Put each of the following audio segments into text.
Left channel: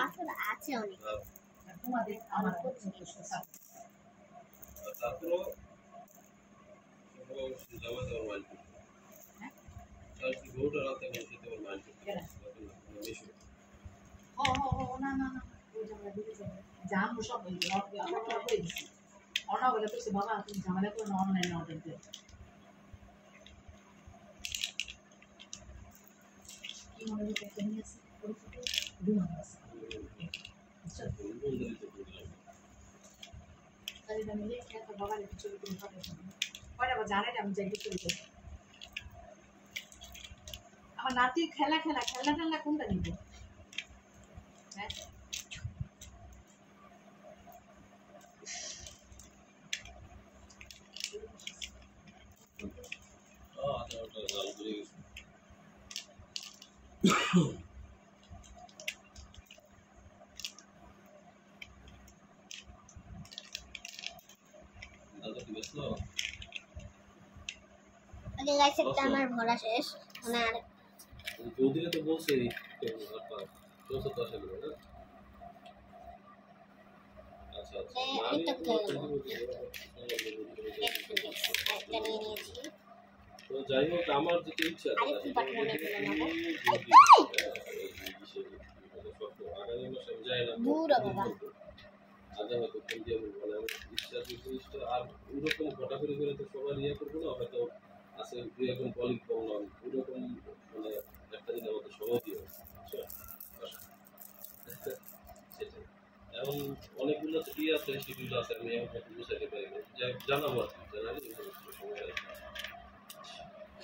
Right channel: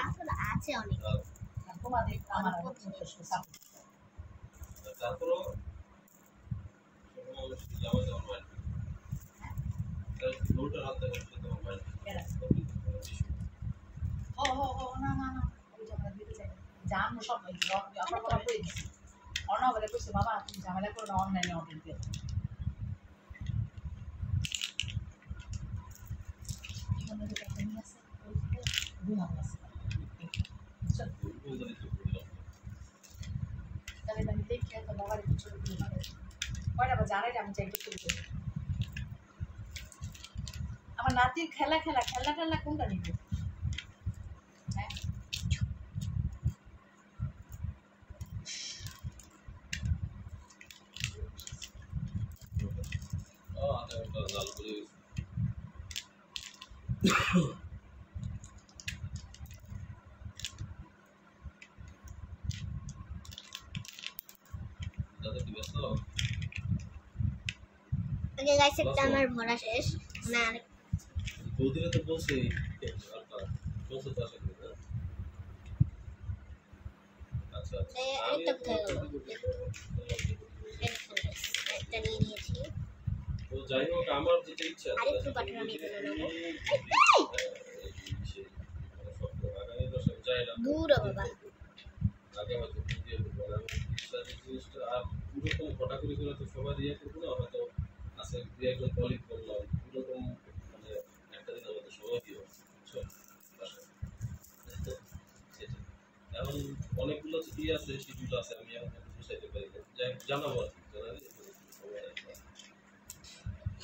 পাথর আছে অনেক। তোমাদের আমার তারপরও যাওয়া যাওয়ার মাইন্ড গরুটা রাখতে পারে সেটা আমার মাইন্ড না না না ওই ঝামেলা দিতে চাই জান সব আমরা তো হয়ে গেছি অর্ণব বলে কইছে বাবা তুমি ঝামেলা করো না অনলাইনে অর্ডার দিও কি মনে হচ্ছে একটা নিয়ে আসছে ঘুমানো আছে তাহলে আমি লিখে তো বাবার একটু ছবি তুলে পাঠাচ্ছি কয়টা বাজে আড়াইটা আমি যাই চলে যাবো আমার নাতির খেলা কোনটা নিবে হ্যাঁ আগে গাইস একটা আমার ভরা শেষ না দুদিনে তো বলছে তো আসে না আচ্ছা আচ্ছা আমি একটা নিয়ে নিয়েছি তো যাই হোক আমার যেটা ইচ্ছা আরেকটু পাঠানো নেব আগামী মাসে যাই না দূর বাবা আগে হয়তো ফোন দিয়ে বলবো না আমার ইচ্ছা যে জিনিসটা আর ওরকম ঘটাঘটি করে তো সবার ইয়ে করবো না হয়তো আছে দু একজন কলিগ বললাম ওরকম মানে একটা দিন আমাদের সময় দিয়ে সেটাই এখন অনেকগুলো ইয়ে আছে শিডিউল আছে আমি এখন হয়তো বুঝাইতে পারি না জানাবো আর কি জানালে সময়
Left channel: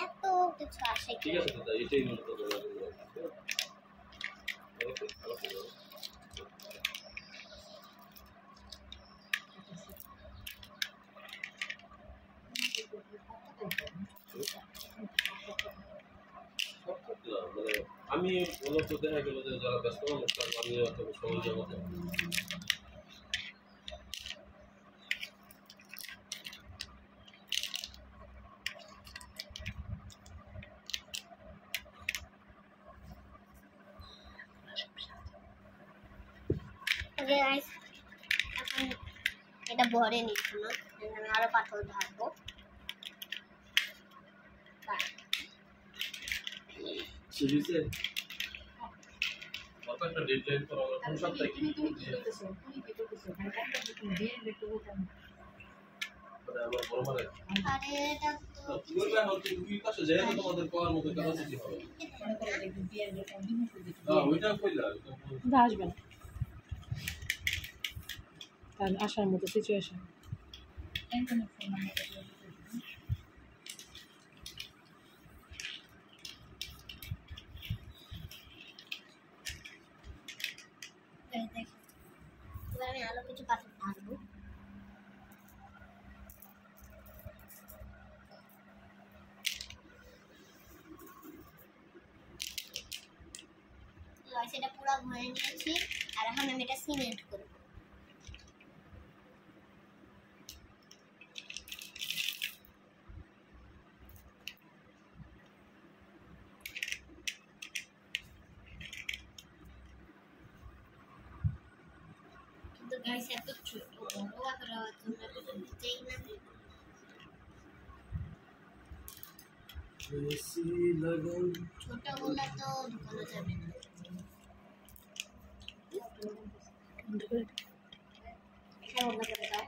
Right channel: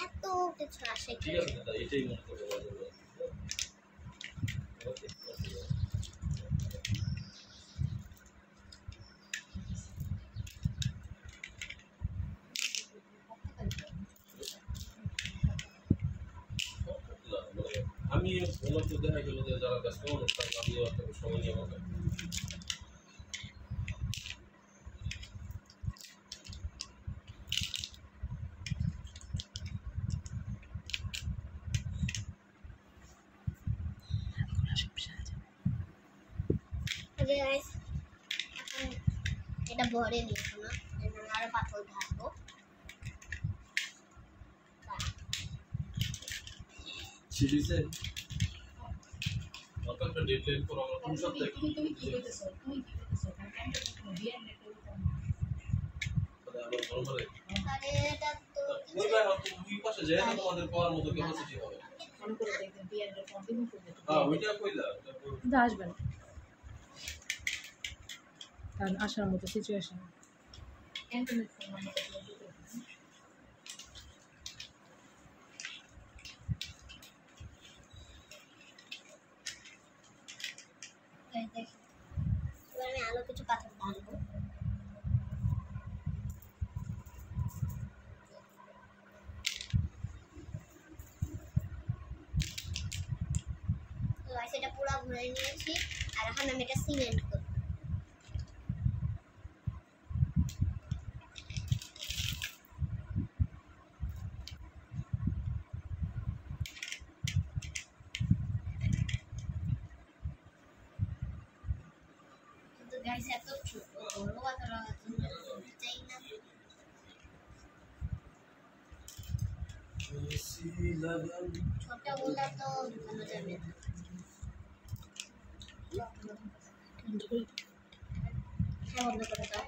এত কিছু আসে ঠিক আছে দাদা এটাই মনে করবো ওকে ওকে মানে আমি মূলত দেখা গেল যে যারা ব্যস্ত মানুষ আমি অত সময় দেওয়া যায় ওকে গাইস এখন এটা ভরে নিচ্ছি না আমি আরো পাথর ঢালবো সিরিজে কত একটা ডেডলাইন ফর আমরা কোন সপ্তাহে তুমি কি করতেছো মানে কামটা তুমি দিয়ে একটু বলতাম মানে আবার বড় মানে আরে এটা তো ওই ভাই হয়তো ওই পাশে যায় না তোমাদের পড়ার মতো ক্যাপাসিটি হবে মনে করে একদিন দিয়ে কন্টিনিউ করে দিতে হ্যাঁ ওইটা কইলা কিন্তু আসবে না কারণ আসার মতো সিচুয়েশন ইন্টারনেট ফোন নাম্বার এবার আমি আলো কিছু পাথর ঢালবো সেটা পুরো ভরে নিয়েছি আর এখন আমি এটা সিমেন্ট করব কিন্তু গাইস এত ছোট বড় পাথর হওয়ার জন্য চাই না ছোট বললে তো ঢুকানো যাবে না বন্ধ করে দাও